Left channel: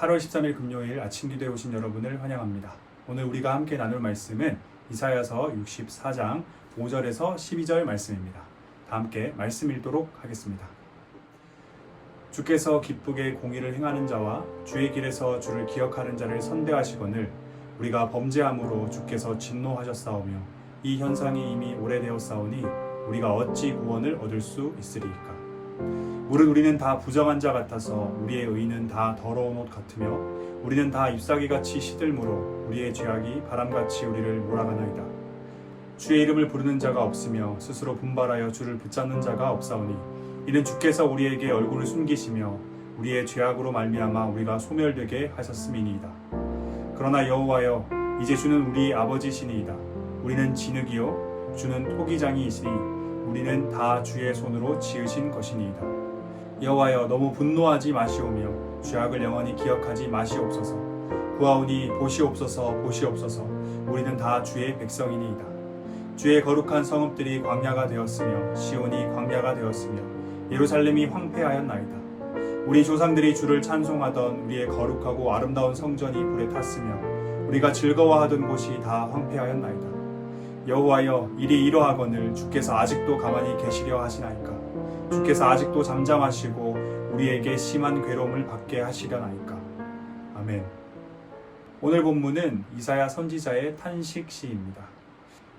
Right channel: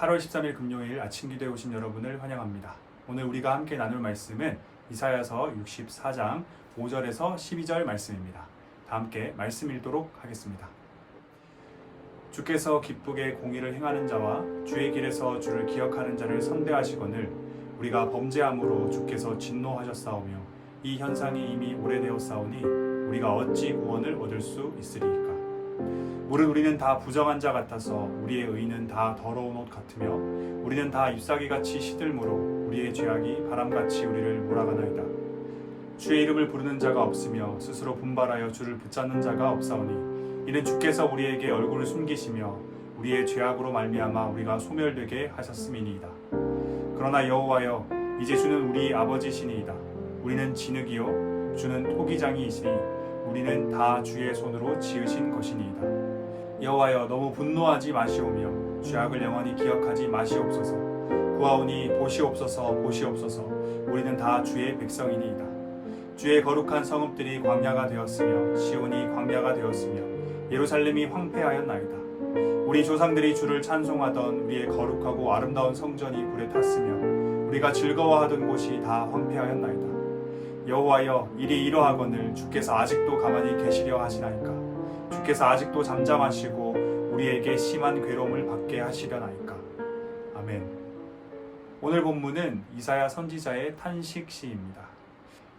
8월 13일 금요일 아침 기도에 오신 여러분을 환영합니다. 오늘 우리가 함께 나눌 말씀은 이사야서 64장 5절에서 12절 말씀입니다. 다 함께 말씀 읽도록 하겠습니다. 주께서 기쁘게 공의를 행하는 자와 주의 길에서 주를 기억하는 자를 선대하시거늘 우리가 범죄함으로 주께서 진노하셨사오며 이 현상이 이미 오래되었사오니 우리가 어찌 구원을 얻을 수 있으리이까. 무릇 우리는 다 부정한 자 같아서 우리의 의는 다 더러운 옷 같으며 우리는 다 잎사귀같이 시들므로 우리의 죄악이 바람같이 우리를 몰아가나이다. 주의 이름을 부르는 자가 없으며 스스로 분발하여 주를 붙잡는 자가 없사오니 이는 주께서 우리에게 얼굴을 숨기시며 우리의 죄악으로 말미암아 우리가 소멸되게 하셨음이니이다. 그러나 여호와여, 이제 주는 우리 아버지시니이다. 우리는 진흙이요 주는 토기장이시니 우리는 다 주의 손으로 지으신 것이니이다. 여호와여, 너무 분노하지 마시오며 죄악을 영원히 기억하지 마시옵소서. 구하오니 보시옵소서, 보시옵소서. 우리는 다 주의 백성이니이다. 주의 거룩한 성읍들이 광야가 되었으며 시온이 광야가 되었으며 예루살렘이 황폐하였나이다. 우리 조상들이 주를 찬송하던 우리의 거룩하고 아름다운 성전이 불에 탔으며 우리가 즐거워하던 곳이 다 황폐하였나이다. 여호와여, 일이 이러하거늘 주께서 아직도 가만히 계시려 하시나이까. 주께서 아직도 잠잠하시고 우리에게 심한 괴로움을 받게 하시려나이까. 아멘. 오늘 본문은 이사야 선지자의 탄식 시입니다.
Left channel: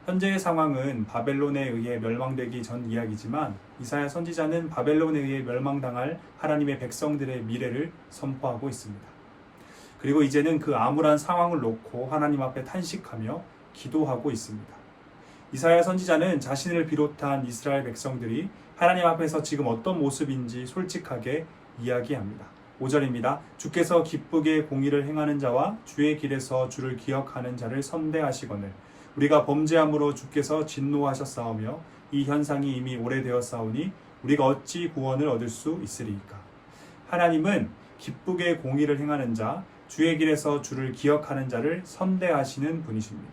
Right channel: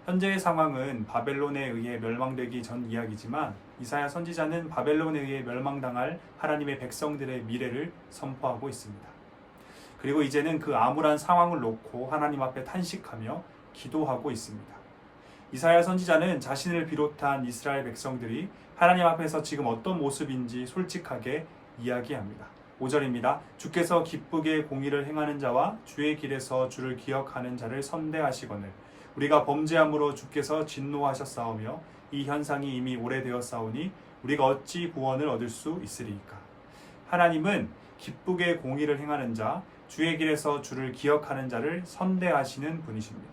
현재의 상황은 바벨론에 의해 멸망되기 전 이야기지만 이사야 선지자는 바벨론에 의해 멸망당할 하나님의 백성들의 미래를 선포하고 있습니다. 그리고 이제는 그 암울한 상황을 놓고 하나님 앞에 탄식하며 기도하고 있습니다. 이사야 선지자는 자신을 비롯한 이스라엘 백성들이 하나님 앞에서 지금 어떤 모습인지 솔직하게 이야기합니다. 5절입니다. 주께서 기쁘게 공의를 행하는 자와 주의 길에서 주를 기억하는 자를 선대하시거늘 우리가 범죄함으로 주께서 진노하셨사오며 이 현상이 이미 오래되었사오니 우리가 어찌 구원을 얻을 수 있으리이까. 하나님은 기쁘게 공의를 행하는 자, 주의 길에서 주를 기억하는 자를 선대하시는 분이십니다.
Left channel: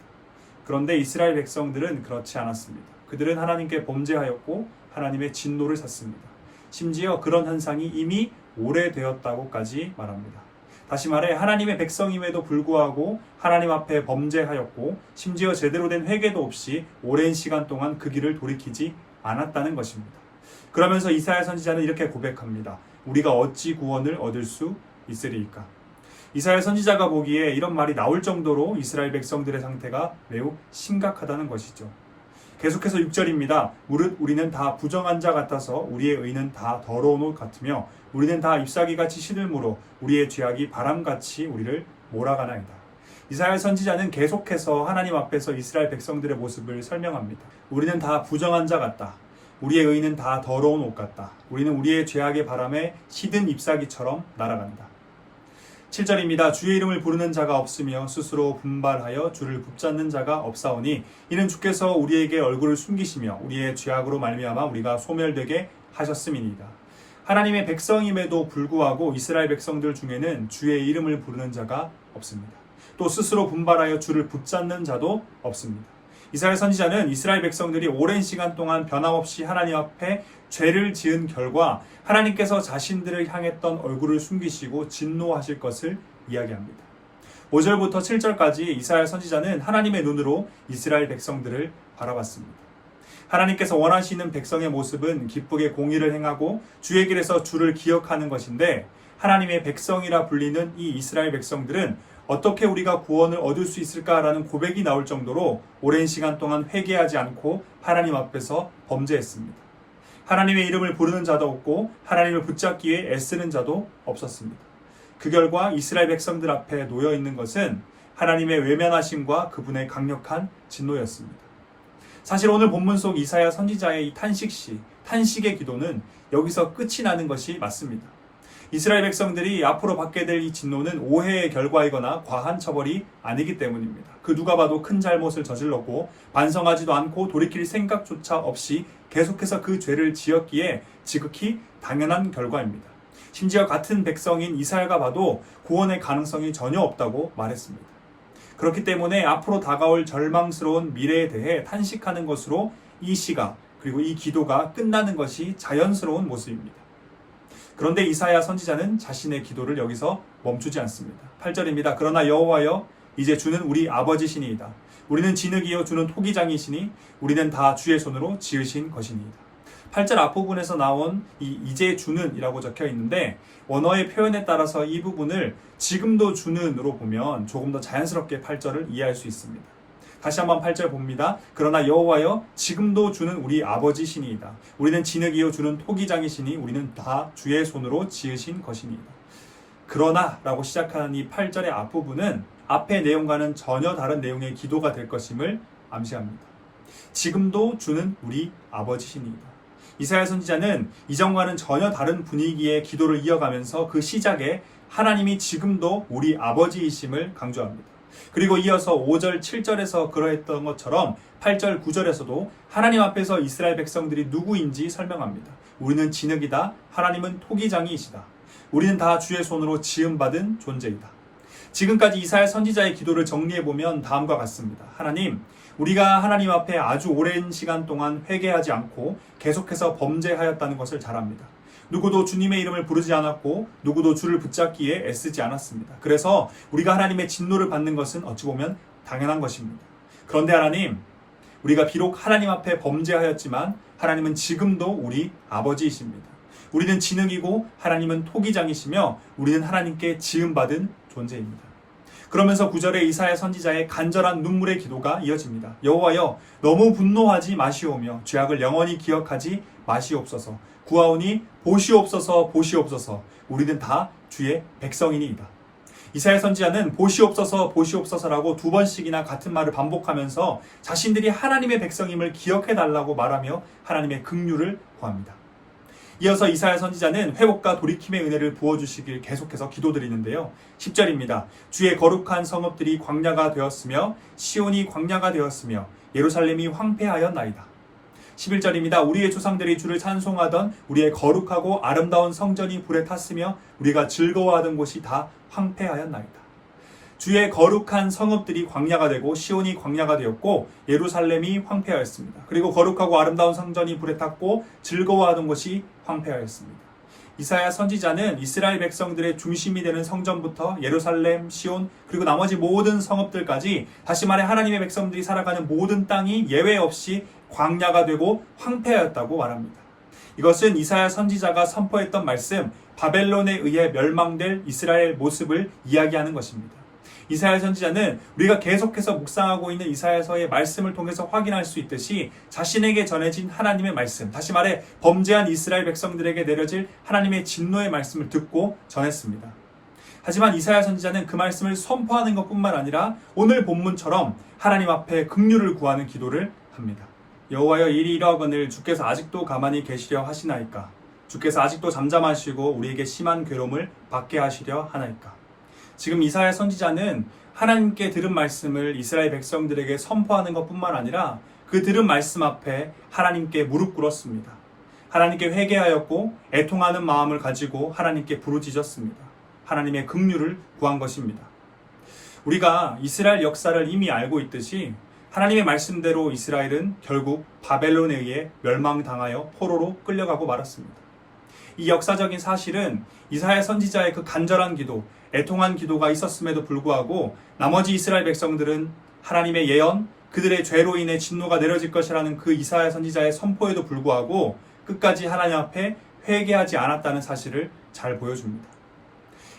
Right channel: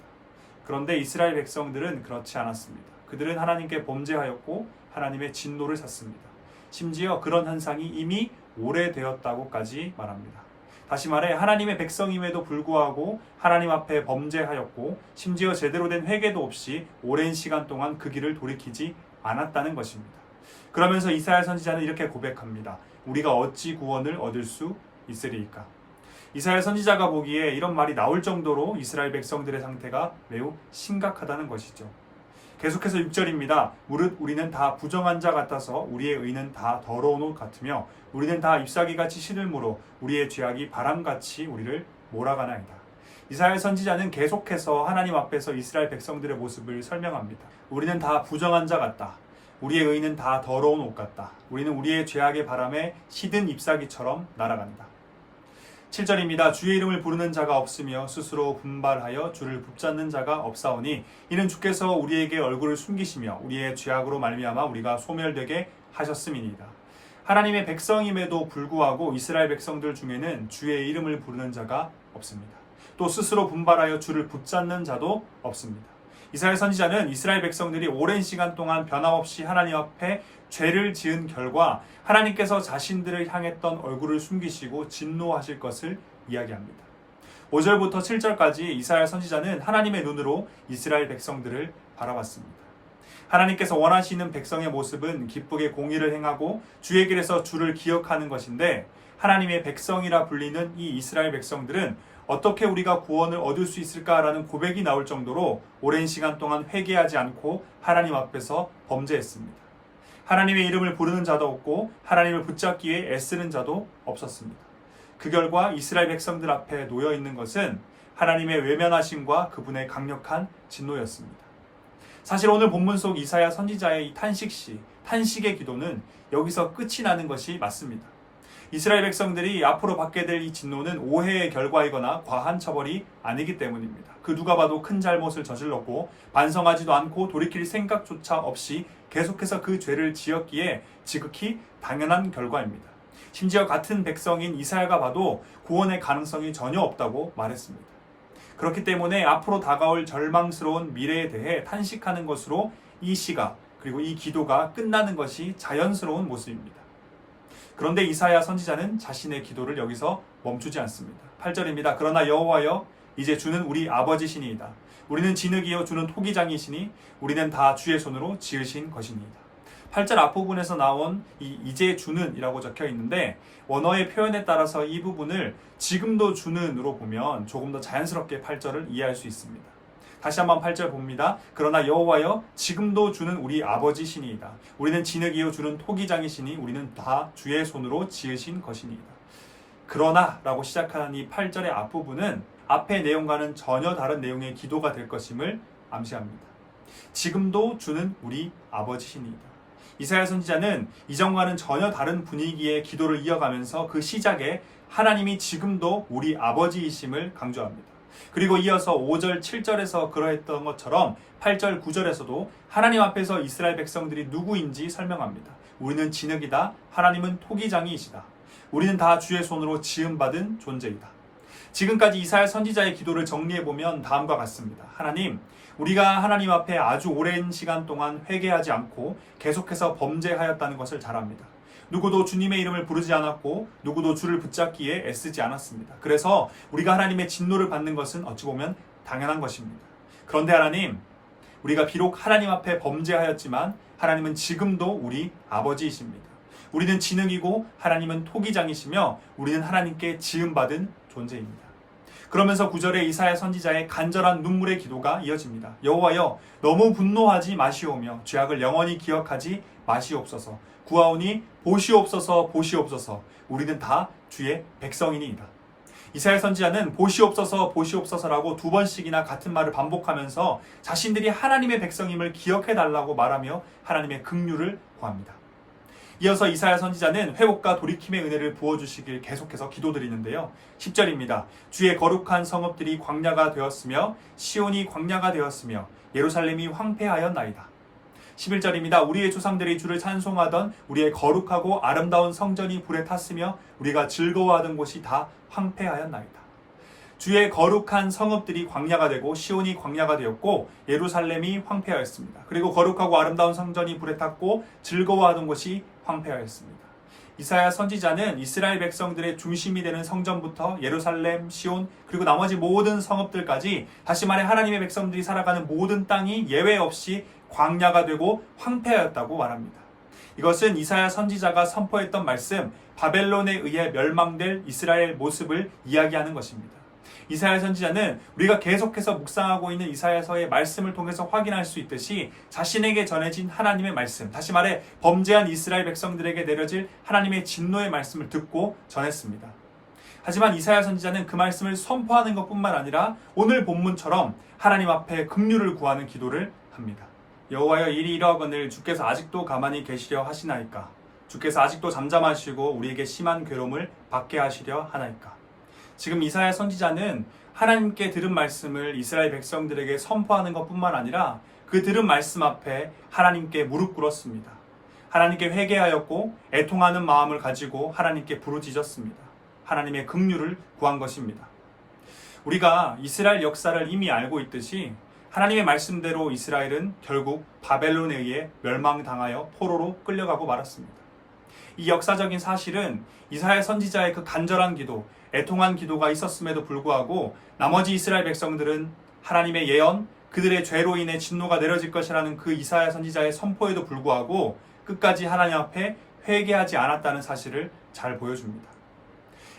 그런데 이스라엘 백성들은 그렇지 않았습니다. 그들은 하나님께 범죄하였고 하나님의 진노를 샀습니다. 심지어 그런 현상이 이미 오래되었다고까지 말합니다. 다시 말해 하나님의 백성임에도 불구하고 하나님 앞에 범죄하였고 심지어 제대로 된 회개도 없이 오랜 시간 동안 그 길을 돌이키지 않았다는 것입니다. 그러면서 이사야 선지자는 이렇게 고백합니다. 우리가 어찌 구원을 얻을 수 있으리이까. 이사야 선지자가 보기에 이런 말이 나올 정도로 이스라엘 백성들의 상태가 매우 심각하다는 것이죠. 계속해서 6절입니다. 무릇 우리는 다 부정한 자 같아서 우리의 의는 다 더러운 옷 같으며 우리는 다 잎사귀같이 시들므로 우리의 죄악이 바람같이 우리를 몰아가나이다. 이사야 선지자는 계속해서 하나님 앞에서 이스라엘 백성들의 모습을 설명합니다. 우리는 다 부정한 자 같다. 우리의 의는 다 더러운 옷 같다. 우리는 우리의 죄악의 바람에 시든 잎사귀처럼 날아간다. 7절입니다. 주의 이름을 부르는 자가 없으며 스스로 분발하여 주를 붙잡는 자가 없사오니 이는 주께서 우리에게 얼굴을 숨기시며 우리의 죄악으로 말미암아 우리가 소멸되게 하셨음이니이다. 하나님의 백성임에도 불구하고 이스라엘 백성들 중에는 주의 이름을 부르는 자가 없습니다. 또 스스로 분발하여 주를 붙잡는 자도 없습니다. 이사야 선지자는 이스라엘 백성들이 오랜 시간 동안 변함없이 하나님 앞에 죄를 지은 결과 하나님께서 자신들을 향했던 얼굴을 숨기시고 진노하실 것을 이야기합니다. 5절부터 7절까지 이사야 선지자는 하나님의 눈으로 이스라엘 백성들을 바라봤습니다. 하나님께서 원하시는 백성의 모습은 기쁘게 공의를 행하고 주의 길에서 주를 기억하는 것인데 하나님의 백성이라 불리는 이 이스라엘 백성들은 어떻게 우리가 구원을 얻을 수 있을까라는 고백이 나올 정도로 오랜 시간 동안 회개하지 않고 하나님 앞에서 범죄했습니다. 하나님의 이름을 부르는 자도 없고 하나님을 붙잡기 위해 애쓰는 자도 없었습니다. 그 결과 이스라엘 백성들 앞에 놓여 있는 것은 하나님의 외면하심과 그분의 강력한 진노였습니다. 사실 오늘 본문 속 이사야 선지자의 이 탄식시, 탄식의 기도는 여기서 끝이 나는 것이 맞습니다. 이스라엘 백성들이 앞으로 받게 될 이 진노는 오해의 결과이거나 과한 처벌이 아니기 때문입니다. 그 누가 봐도 큰 잘못을 저질렀고 반성하지도 않고 돌이킬 생각조차 없이 계속해서 그 죄를 지었기에 지극히 당연한 결과입니다. 심지어 같은 백성인 이사야가 봐도 구원의 가능성이 전혀 없다고 말했습니다. 그렇기 때문에 앞으로 다가올 절망스러운 미래에 대해 탄식하는 것으로 이 시가 그리고 이 기도가 끝나는 것이 자연스러운 모습입니다. 그런데 이사야 선지자는 자신의 기도를 여기서 멈추지 않습니다. 8절입니다. 그러나 여호와여 이제 주는 우리 아버지시니이다. 우리는 진흙이요 주는 토기장이시니 우리는 다 주의 손으로 지으신 것이니이다. 8절 앞부분에서 나온 이제 주는 이라고 적혀 있는데 원어의 표현에 따라서 이 부분을 지금도 주는으로 보면 조금 더 자연스럽게 8절을 이해할 수 있습니다. 다시 한번 8절 봅니다. 그러나 여호와여 지금도 주는 우리 아버지시니이다. 우리는 진흙이요 주는 토기장이시니 우리는 다 주의 손으로 지으신 것이니이다. 그러나 라고 시작하는 이 8절의 앞부분은 앞의 내용과는 전혀 다른 내용의 기도가 될 것임을 암시합니다. 지금도 주는 우리 아버지시니이다. 이사야 선지자는 이전과는 전혀 다른 분위기의 기도를 이어가면서 그 시작에 하나님이 지금도 우리 아버지이심을 강조합니다. 그리고 이어서 5절, 7절에서 그러했던 것처럼 8절, 9절에서도 하나님 앞에서 이스라엘 백성들이 누구인지 설명합니다. 우리는 진흙이다. 하나님은 토기장이시다. 우리는 다 주의 손으로 지음받은 존재이다. 지금까지 이사야 선지자의 기도를 정리해보면 다음과 같습니다. 하나님, 우리가 하나님 앞에 아주 오랜 시간 동안 회개하지 않고 계속해서 범죄하였다는 것을 잘 압니다. 누구도 주님의 이름을 부르지 않았고 누구도 주를 붙잡기에 애쓰지 않았습니다. 그래서 우리가 하나님의 진노를 받는 것은 어찌 보면 당연한 것입니다. 그런데 하나님, 우리가 비록 하나님 앞에 범죄하였지만 하나님은 지금도 우리 아버지이십니다. 우리는 진흙이고 하나님은 토기장이시며 우리는 하나님께 지음받은 존재입니다. 그러면서 9절에 이사야 선지자의 간절한 눈물의 기도가 이어집니다. 여호와여 너무 분노하지 마시오며 죄악을 영원히 기억하지 마시옵소서. 구하오니 보시옵소서 보시옵소서. 우리는 다 주의 백성이니이다. 이사야 선지자는 보시옵소서 보시옵소서라고 두 번씩이나 같은 말을 반복하면서 자신들이 하나님의 백성임을 기억해달라고 말하며 하나님의 긍휼을 구합니다. 이어서 이사야 선지자는 회복과 돌이킴의 은혜를 부어주시길 계속해서 기도드리는데요. 10절입니다. 주의 거룩한 성읍들이 광야가 되었으며 시온이 광야가 되었으며 예루살렘이 황폐하였나이다. 11절입니다. 우리의 조상들이 주를 찬송하던 우리의 거룩하고 아름다운 성전이 불에 탔으며 우리가 즐거워하던 곳이 다 황폐하였나이다. 주의 거룩한 성읍들이 광야가 되고 시온이 광야가 되었고 예루살렘이 황폐하였습니다. 그리고 거룩하고 아름다운 성전이 불에 탔고 즐거워하던 곳이 황폐하였습니다. 이사야 선지자는 이스라엘 백성들의 중심이 되는 성전부터 예루살렘, 시온, 그리고 나머지 모든 성읍들까지, 다시 말해 하나님의 백성들이 살아가는 모든 땅이 예외 없이 광야가 되고 황폐하였다고 말합니다. 이것은 이사야 선지자가 선포했던 말씀, 바벨론에 의해 멸망될 이스라엘 모습을 이야기하는 것입니다. 이사야 선지자는 우리가 계속해서 묵상하고 있는 이사야서의 말씀을 통해서 확인할 수 있듯이 자신에게 전해진 하나님의 말씀, 다시 말해 범죄한 이스라엘 백성들에게 내려질 하나님의 진노의 말씀을 듣고 전했습니다. 하지만 이사야 선지자는 그 말씀을 선포하는 것뿐만 아니라 오늘 본문처럼 하나님 앞에 긍휼을 구하는 기도를 합니다. 여호와여 일이 이러하거늘 주께서 아직도 가만히 계시려 하시나이까? 주께서 아직도 잠잠하시고 우리에게 심한 괴로움을 받게 하시려 하나이까? 지금 이사야 선지자는 하나님께 들은 말씀을 이스라엘 백성들에게 선포하는 것뿐만 아니라 그 들은 말씀 앞에 하나님께 무릎 꿇었습니다. 하나님께 회개하였고 애통하는 마음을 가지고 하나님께 부르짖었습니다. 하나님의 긍휼을 구한 것입니다. 우리가 이스라엘 역사를 이미 알고 있듯이 하나님의 말씀대로 이스라엘은 결국 바벨론에 의해 멸망당하여 포로로 끌려가고 말았습니다. 이 역사적인 사실은 이사야 선지자의 그 간절한 기도, 애통한 기도가 있었음에도 불구하고 나머지 이스라엘 백성들은 하나님의 예언, 그들의 죄로 인해 진노가 내려질 것이라는 그 이사야 선지자의 선포에도 불구하고 끝까지 하나님 앞에 회개하지 않았다는 사실을 잘 보여줍니다.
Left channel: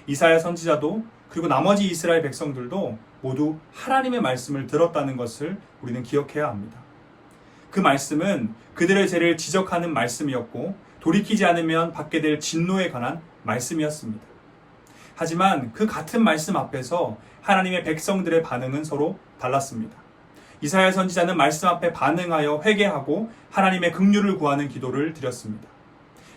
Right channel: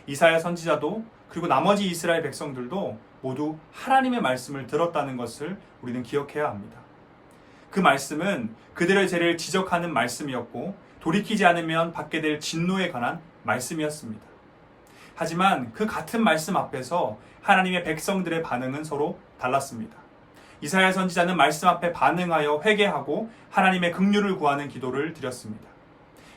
이사야 선지자도 그리고 나머지 이스라엘 백성들도 모두 하나님의 말씀을 들었다는 것을 우리는 기억해야 합니다. 그 말씀은 그들의 죄를 지적하는 말씀이었고 돌이키지 않으면 받게 될 진노에 관한 말씀이었습니다. 하지만 그 같은 말씀 앞에서 하나님의 백성들의 반응은 서로 달랐습니다. 이사야 선지자는 말씀 앞에 반응하여 회개하고 하나님의 긍휼을 구하는 기도를 드렸습니다.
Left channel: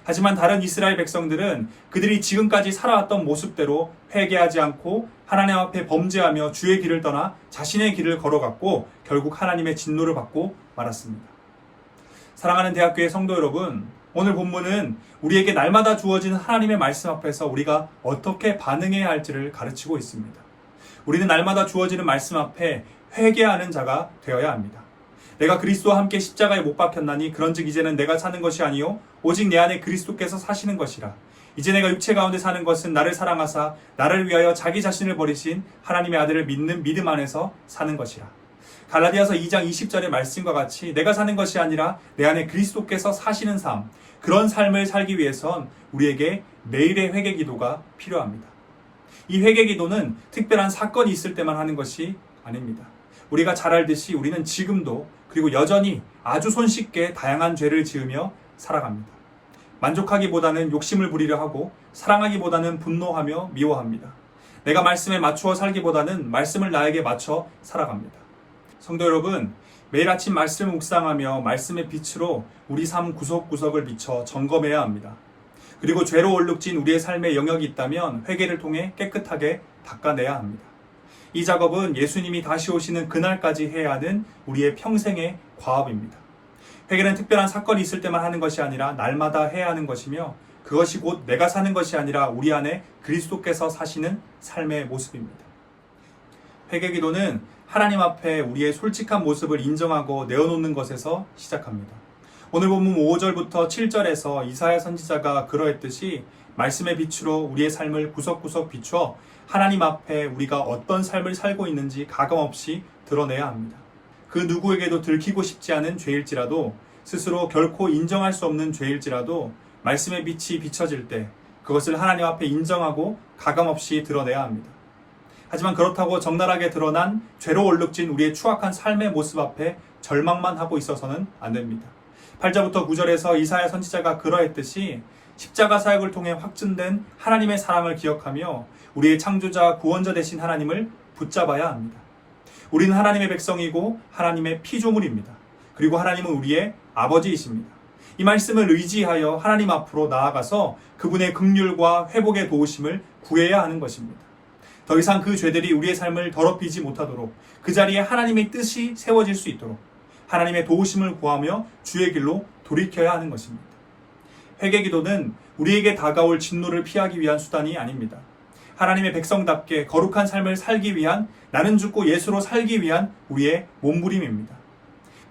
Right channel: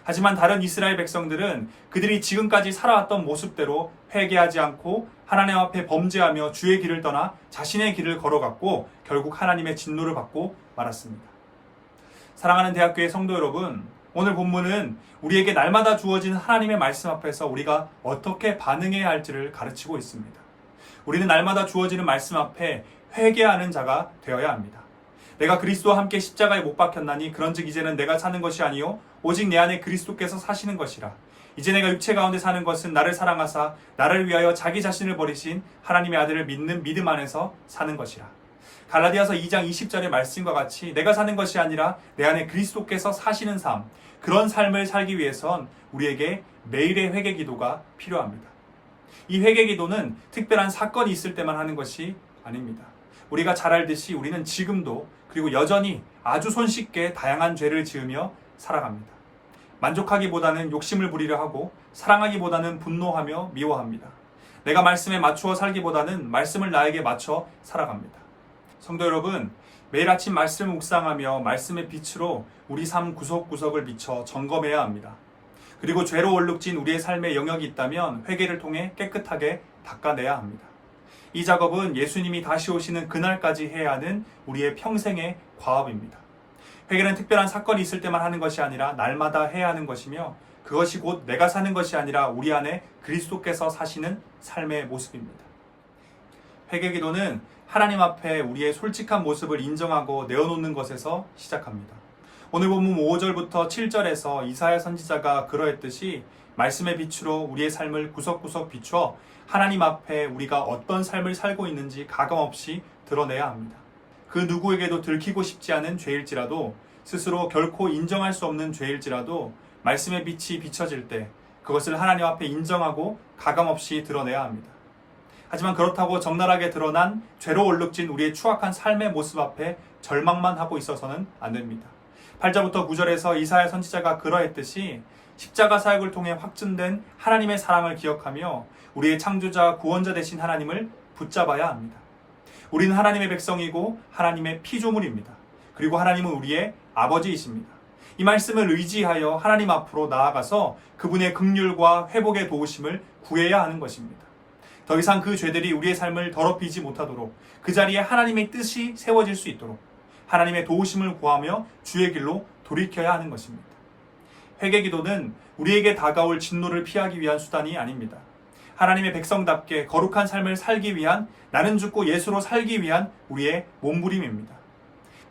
하지만 다른 이스라엘 백성들은 그들이 지금까지 살아왔던 모습대로 회개하지 않고 하나님 앞에 범죄하며 주의 길을 떠나 자신의 길을 걸어갔고 결국 하나님의 진노를 받고 말았습니다. 사랑하는 대학교의 성도 여러분, 오늘 본문은 우리에게 날마다 주어지는 하나님의 말씀 앞에서 우리가 어떻게 반응해야 할지를 가르치고 있습니다. 우리는 날마다 주어지는 말씀 앞에 회개하는 자가 되어야 합니다. 내가 그리스도와 함께 십자가에 못 박혔나니 그런즉 이제는 내가 사는 것이 아니요 오직 내 안에 그리스도께서 사시는 것이라. 이제 내가 육체 가운데 사는 것은 나를 사랑하사 나를 위하여 자기 자신을 버리신 하나님의 아들을 믿는 믿음 안에서 사는 것이라. 갈라디아서 2장 20절의 말씀과 같이 내가 사는 것이 아니라 내 안에 그리스도께서 사시는 삶, 그런 삶을 살기 위해선 우리에게 매일의 회개 기도가 필요합니다. 이 회개 기도는 특별한 사건이 있을 때만 하는 것이 아닙니다. 우리가 잘 알듯이 우리는 지금도 그리고 여전히 아주 손쉽게 다양한 죄를 지으며 살아갑니다. 만족하기보다는 욕심을 부리려 하고 사랑하기보다는 분노하며 미워합니다. 내가 말씀에 맞추어 살기보다는 말씀을 나에게 맞춰 살아갑니다. 성도 여러분, 매일 아침 말씀을 묵상하며 말씀의 빛으로 우리 삶 구석구석을 비춰 점검해야 합니다. 그리고 죄로 얼룩진 우리의 삶의 영역이 있다면 회개를 통해 깨끗하게 닦아내야 합니다. 이 작업은 예수님이 다시 오시는 그날까지 해야 하는 우리의 평생의 과업입니다. 회개는 특별한 사건이 있을 때만 하는 것이 아니라 날마다 해야 하는 것이며 그것이 곧 내가 사는 것이 아니라 우리 안에 그리스도께서 사시는 삶의 모습입니다. 회개 기도는 하나님 앞에 우리의 솔직한 모습을 인정하고 내어놓는 것에서 시작합니다. 오늘 본문 5절부터 7절에서 이사야 선지자가 그러했듯이 말씀의 빛으로 우리의 삶을 구석구석 비추어 하나님 앞에 우리가 어떤 삶을 살고 있는지 가감없이 드러내야 합니다. 그 누구에게도 들키고 싶지 않은 죄일지라도 스스로 결코 인정할 수 없는 죄일지라도 말씀의 빛이 비춰질 때 그것을 하나님 앞에 인정하고 가감없이 드러내야 합니다. 하지만 그렇다고 적나라하게 드러난 죄로 얼룩진 우리의 추악한 삶의 모습 앞에 절망만 하고 있어서는 안 됩니다. 8절부터 9절에서 이사야 선지자가 그러했듯이 십자가 사역을 통해 확증된 하나님의 사랑을 기억하며 우리의 창조자 구원자 되신 하나님을 붙잡아야 합니다. 우리는 하나님의 백성이고 하나님의 피조물입니다. 그리고 하나님은 우리의 아버지이십니다. 이 말씀을 의지하여 하나님 앞으로 나아가서 그분의 긍휼과 회복의 도우심을 구해야 하는 것입니다. 더 이상 그 죄들이 우리의 삶을 더럽히지 못하도록 그 자리에 하나님의 뜻이 세워질 수 있도록 하나님의 도우심을 구하며 주의 길로 돌이켜야 하는 것입니다. 회개 기도는 우리에게 다가올 진노를 피하기 위한 수단이 아닙니다. 하나님의 백성답게 거룩한 삶을 살기 위한, 나는 죽고 예수로 살기 위한 우리의 몸부림입니다.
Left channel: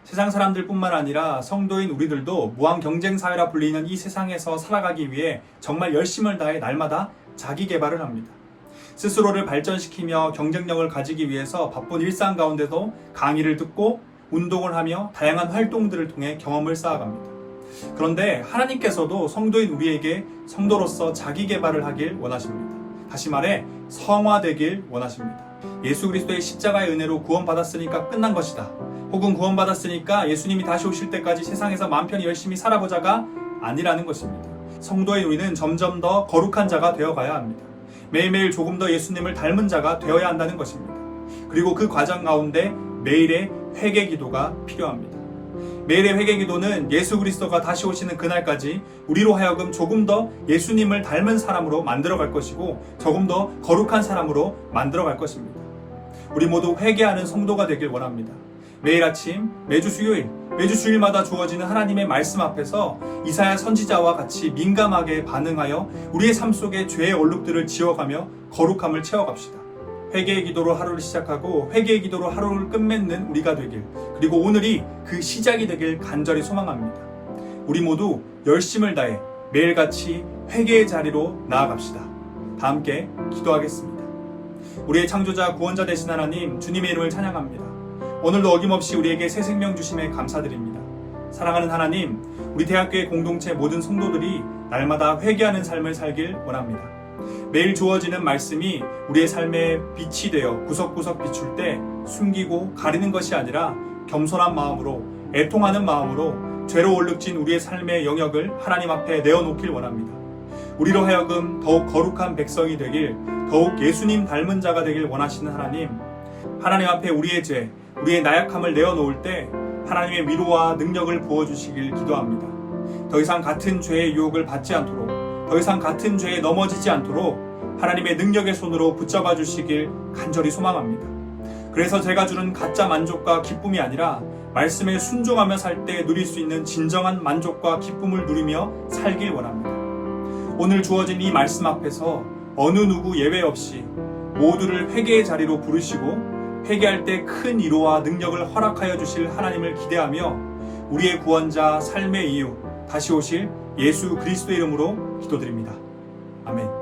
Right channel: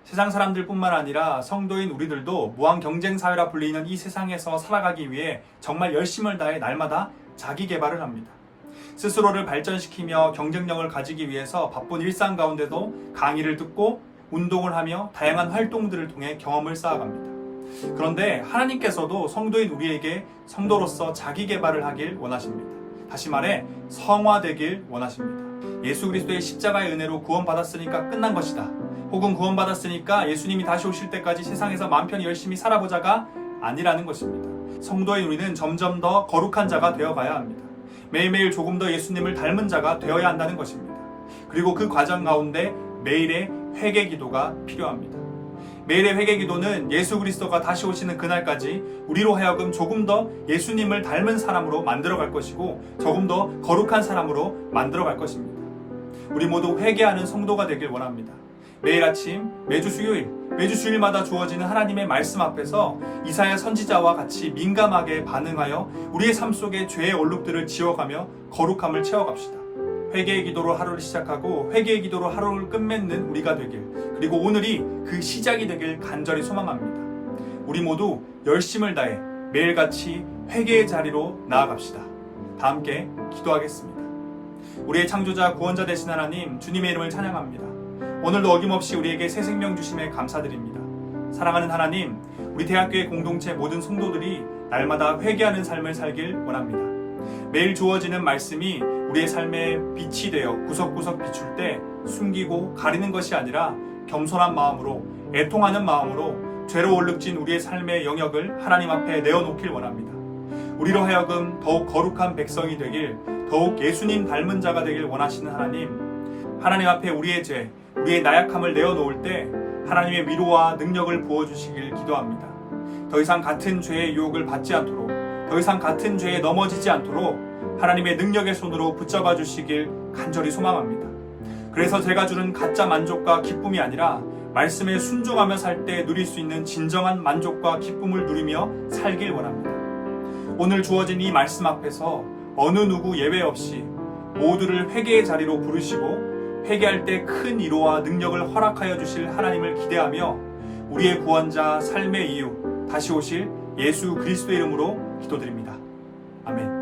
세상 사람들뿐만 아니라 성도인 우리들도 무한 경쟁 사회라 불리는 이 세상에서 살아가기 위해 정말 열심을 다해 날마다 자기 개발을 합니다. 스스로를 발전시키며 경쟁력을 가지기 위해서 바쁜 일상 가운데도 강의를 듣고 운동을 하며 다양한 활동들을 통해 경험을 쌓아갑니다. 그런데 하나님께서도 성도인 우리에게 성도로서 자기 개발을 하길 원하십니다. 다시 말해 성화되길 원하십니다. 예수 그리스도의 십자가의 은혜로 구원받았으니까 끝난 것이다. 혹은 구원받았으니까 예수님이 다시 오실 때까지 세상에서 마음 편히 열심히 살아보자가 아니라는 것입니다. 성도인 우리는 점점 더 거룩한 자가 되어가야 합니다. 매일매일 조금 더 예수님을 닮은 자가 되어야 한다는 것입니다. 그리고 그 과정 가운데 매일의 회개 기도가 필요합니다. 매일의 회개 기도는 예수 그리스도가 다시 오시는 그날까지 우리로 하여금 조금 더 예수님을 닮은 사람으로 만들어갈 것이고 조금 더 거룩한 사람으로 만들어갈 것입니다. 우리 모두 회개하는 성도가 되길 원합니다. 매일 아침, 매주 수요일, 매주 주일마다 주어지는 하나님의 말씀 앞에서 이사야 선지자와 같이 민감하게 반응하여 우리의 삶 속에 죄의 얼룩들을 지워가며 거룩함을 채워갑시다. 회개의 기도로 하루를 시작하고 회개의 기도로 하루를 끝맺는 우리가 되길, 그리고 오늘이 그 시작이 되길 간절히 소망합니다. 우리 모두 열심을 다해 매일같이 회개의 자리로 나아갑시다. 다 함께 기도하겠습니다. 우리의 창조자 구원자 되신 하나님, 주님의 이름을 찬양합니다. 오늘도 어김없이 우리에게 새 생명 주심에 감사드립니다. 사랑하는 하나님, 우리 대학교의 공동체 모든 성도들이 날마다 회개하는 삶을 살길 원합니다. 매일 주어지는 말씀이 우리의 삶에 빛이 되어 구석구석 비출 때 숨기고 가리는 것이 아니라 겸손한 마음으로, 애통하는 마음으로 죄로 얼룩진 우리의 삶의 영역을 하나님 앞에 내어놓길 원합니다. 우리로 하여금 더욱 거룩한 백성이 되길, 더욱 예수님 닮은 자가 되길 원하시는 하나님, 하나님 앞에 우리의 죄, 우리의 나약함을 내어놓을 때 하나님의 위로와 능력을 부어주시길 기도합니다. 더 이상 같은 죄의 유혹을 받지 않도록, 더 이상 같은 죄에 넘어지지 않도록 하나님의 능력의 손으로 붙잡아 주시길 간절히 소망합니다. 그래서 제가 주는 가짜 만족과 기쁨이 아니라 말씀에 순종하며 살 때 누릴 수 있는 진정한 만족과 기쁨을 누리며 살길 원합니다. 오늘 주어진 이 말씀 앞에서 어느 누구 예외 없이 모두를 회개의 자리로 부르시고 회개할 때 큰 위로와 능력을 허락하여 주실 하나님을 기대하며 우리의 구원자 삶의 이유 다시 오실 예수 그리스도의 이름으로 기도드립니다. 아멘.